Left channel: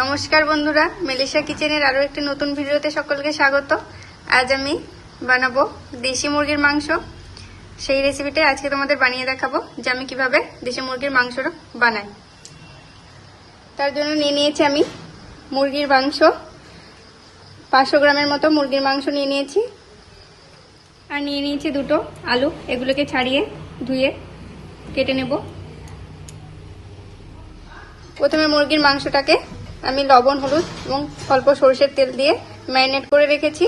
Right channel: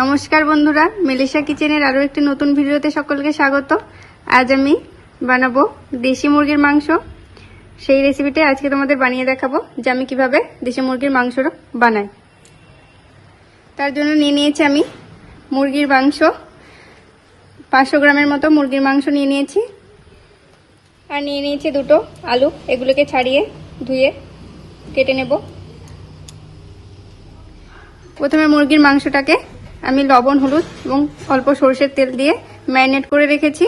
নমস্কার বন্ধুরা, মেলেশা কিচেনের আরও একটি নতুন ভিডিওতে সকলকে স্বাগত। আজ আমি বানাবো দেশি মুরগির মাংস। সেই রেসিপিটি আজকে তোমাদের বানিয়ে দেখাবো যে আমি কীভাবে দেশি মুরগির মাংসটা বানাই। তার জন্য নিয়ে নিয়েছি আমি মুরগির মাংস। পাঁচশো গ্রামের মতো মুরগির মাংস নিয়ে নিয়েছি। আর নিয়ে নিয়েছি দুটো আলু, এগুলোকে ছাড়িয়ে ধুয়ে কেটে নেব। প্রথমে মুরগির মাংসটাকে আমি লবণ, হলুদ এবং অল্প সরষের তেল দিয়ে ম্যারিনেট করে রেখেছি।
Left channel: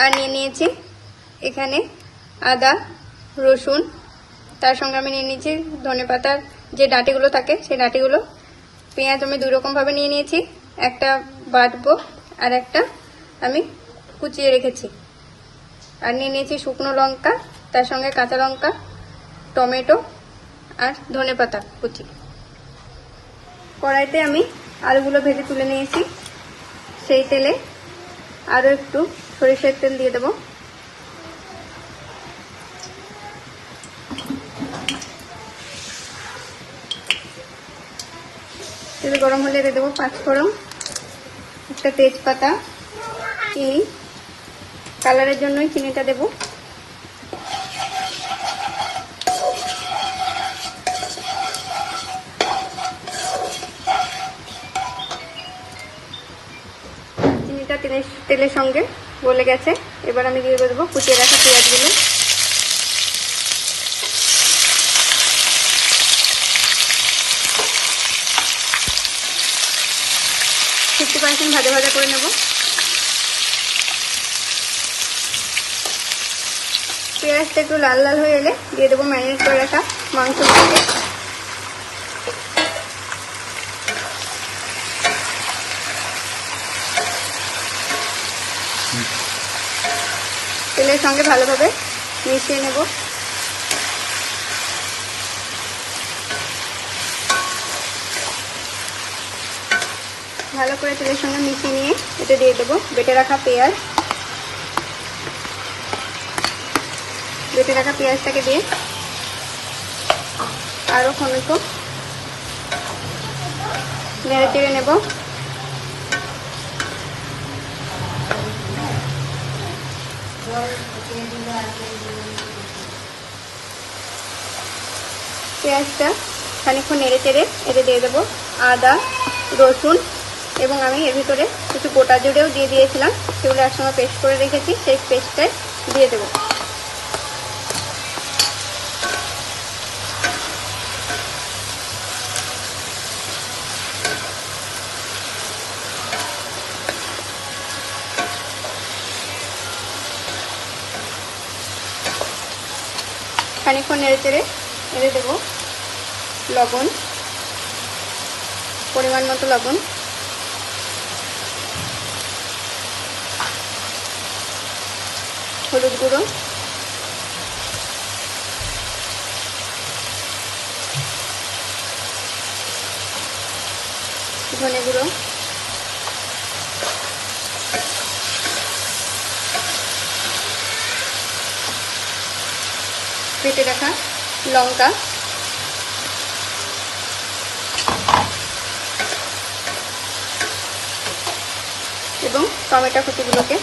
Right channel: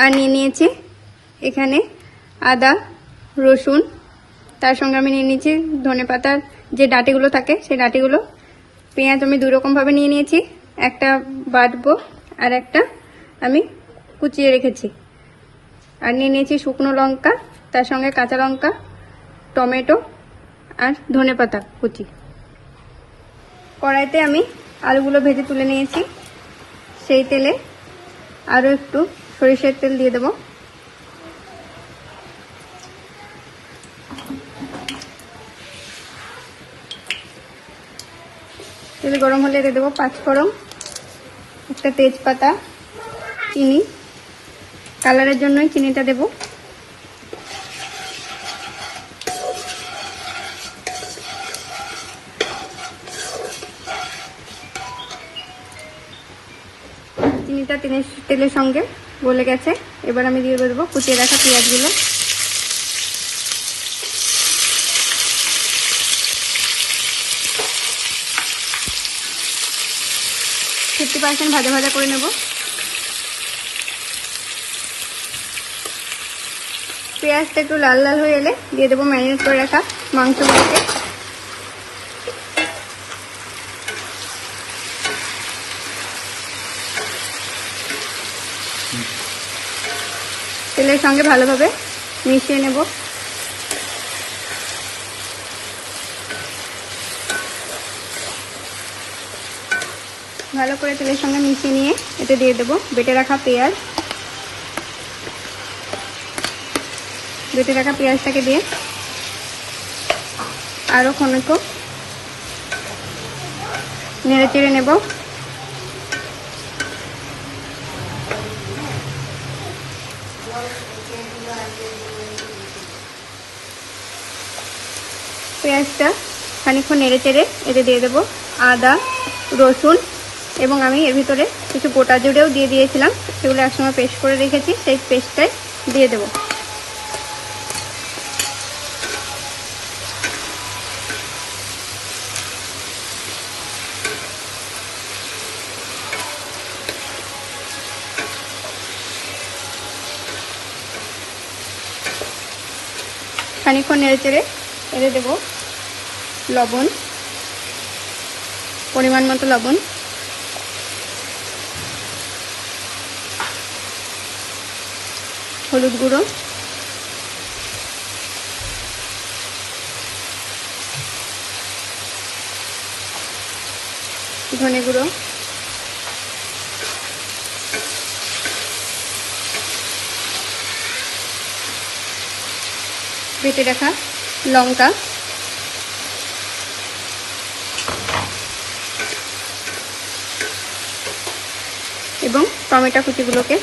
আর নিয়ে নিয়েছি এখানে আদা, রসুন। তার সঙ্গে আমি নিয়ে নিয়েছি ধনে পাতার যে ডাটিগুলো থাকে, সেই ডাটিগুলো। পেঁয়াজ আমি দুই রকমভাবে নিয়ে নিয়েছি। একটা বাটবো আর একটা আমি কুচিয়ে রেখেছি। আর নিয়ে নিয়েছি শুকনো লঙ্কা, তার সঙ্গে কাঁচা লঙ্কা, টমেটো আর ধনে পাতা, কুচি। কড়াইতে আমি আলুগুলো ভেজে তুলে নিয়েছি। সেই তেলে আরও একটু সরিষার তেল দিয়ে দেবো। তেল গরম হলে দিয়ে দেবো পাঁচ পাঁচফোড়ন, একটা তেজপাতা, চিনি। কালারের জন্য চিনিটা দেবো। চিনিটা তেলের তেলের সঙ্গে গলে গেছে। এবার আমি দিয়ে দেবো কুচিয়ে রাখা পেঁয়াজগুলো। ফিফটি পার্সেন্ট ভাজা ভাজা করে নেব। পেঁয়াজটা একটু লাল লাল হয়ে গেলে দিয়ে দেবো ম্যারিনেট করে রাখা মাংস তেলের সঙ্গে ভালোভাবে মিশিয়ে নেব। ভালো করে তেলের সঙ্গে মিশিয়ে নিয়ে এটা দিয়ে দেবো, বেটে রাখা পেঁয়াজ। বেটে রাখা পেঁয়াজটাকে দিয়ে আরও টমেটো নেড়ে চেড়ে নেব। পেঁয়াজটা খানিক্ষণ নেড়ে চেড়ে এতে দিয়ে দেবো আদা, রসুন এবং আমি এর ভিতরে কিছু গোটা জুড়েও দিয়ে দিয়েছিলাম। সেগুলো একসঙ্গে পেস্ট করে রেখেছি, সেই পেস্টটাই দিয়ে দেবো। খানিক্ষণ নেড়ে চেড়ে এনে দেবো লবণ পরিমাণ মতো লবণ। হলুদ গুঁড়ো। ধনে গুঁড়ো। বেটে রাখা লঙ্কা এবং টমেটো কুচিগুলোকে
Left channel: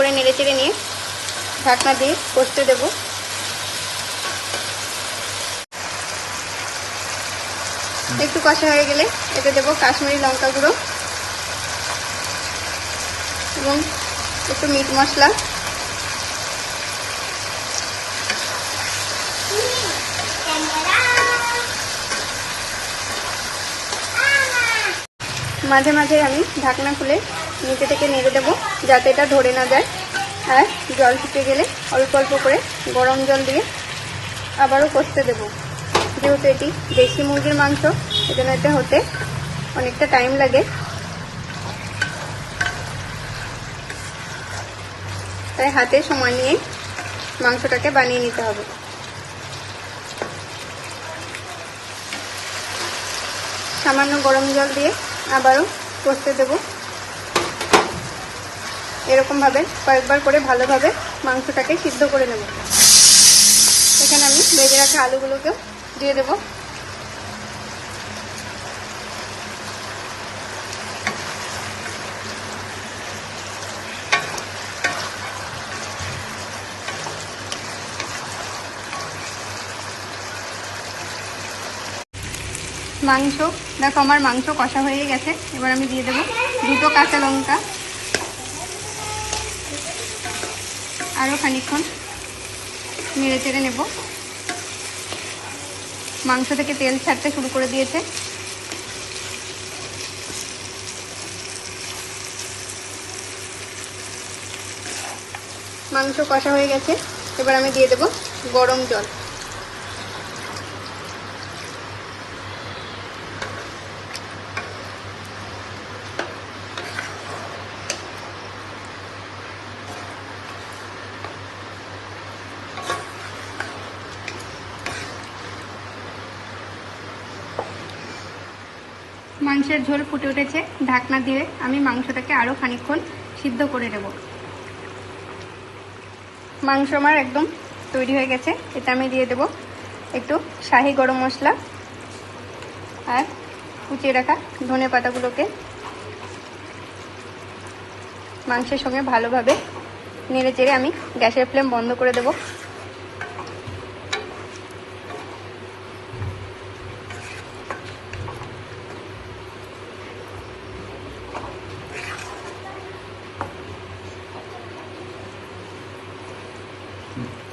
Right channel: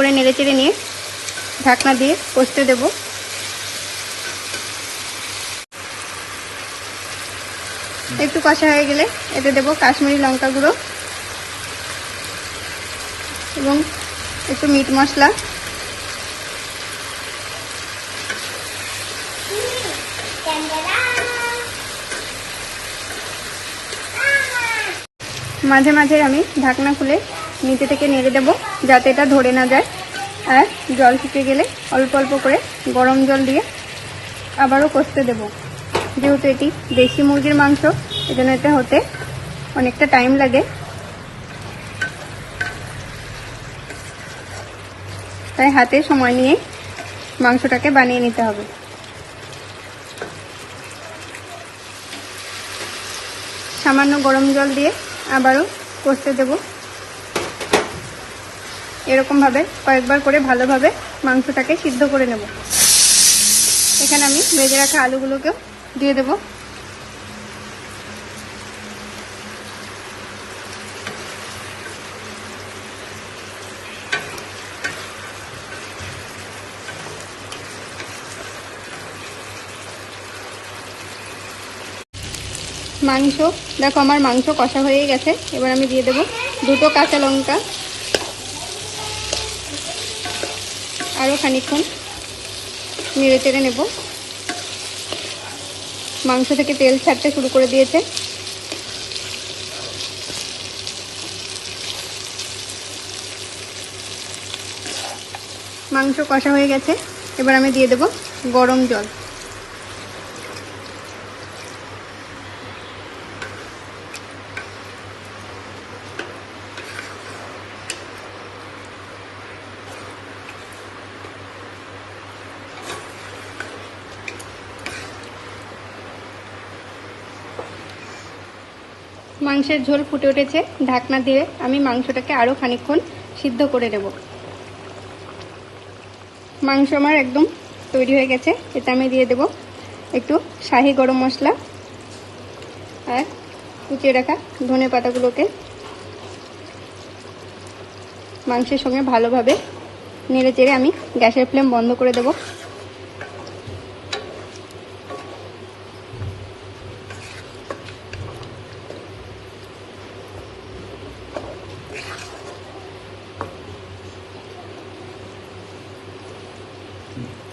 করে নেড়ে চেড়ে নিয়ে ঢাকনা দিয়ে কষতে দেবো। একটু কষা হয়ে গেলে এটা দেবো কাশ্মীরি লঙ্কা গুঁড়ো একটু মিট মশলা। মাঝে মাঝে আমি ঢাকনা খুলে নিচে থেকে নেড়ে দেবো যাতে এটা ধরে না যায়। জল শুকিয়ে গেলে অল্প অল্প করে গরম জল দিয়ে আবারও কষতে দেবো। যেহেতু এটি দেশি মুরগির মাংস যেন এটা হতে অনেকটা টাইম লাগে। তাই হাতে সময় নিয়ে মাংসটাকে বানিয়ে নিতে হবে। সামান্য গরম জল দিয়ে আবারও কষতে দেবো। এরকমভাবে কয়েকবার করে ভালোভাবে মাংসটাকে সিদ্ধ করে নেব। এখানে আমি ভেজে রাখা আলুগুলোকে দিয়ে দেবো। মাংস, দেখো আমার মাংস কষা হয়ে গেছে। এবার আমি দিয়ে দেবো দুটো কাঁচা লঙ্কা। আরও খানিক্ষণ নেড়ে চেড়ে নেব। মাংস থেকে তেল ছাড়তে শুরু করে দিয়েছে। মাংস কষা হয়ে গেছে। এবার আমি দিয়ে দেবো গরম জল মাংসের ঝোল ফুটে উঠেছে, ঢাকনা দিয়ে আমি মাংসটাকে আরও খানিকক্ষণ সিদ্ধ করে দেব মাংস আমার একদম তৈরি হয়ে গেছে, এটা আমি দিয়ে দেব একটু শাহি গরম মশলা আর কুচিয়ে রাখা ধনে পাতাগুলোকে। মাংসের সঙ্গে ভালোভাবে নেড়ে চেড়ে আমি গ্যাসের ফ্লেম বন্ধ করে দেবো। Mm.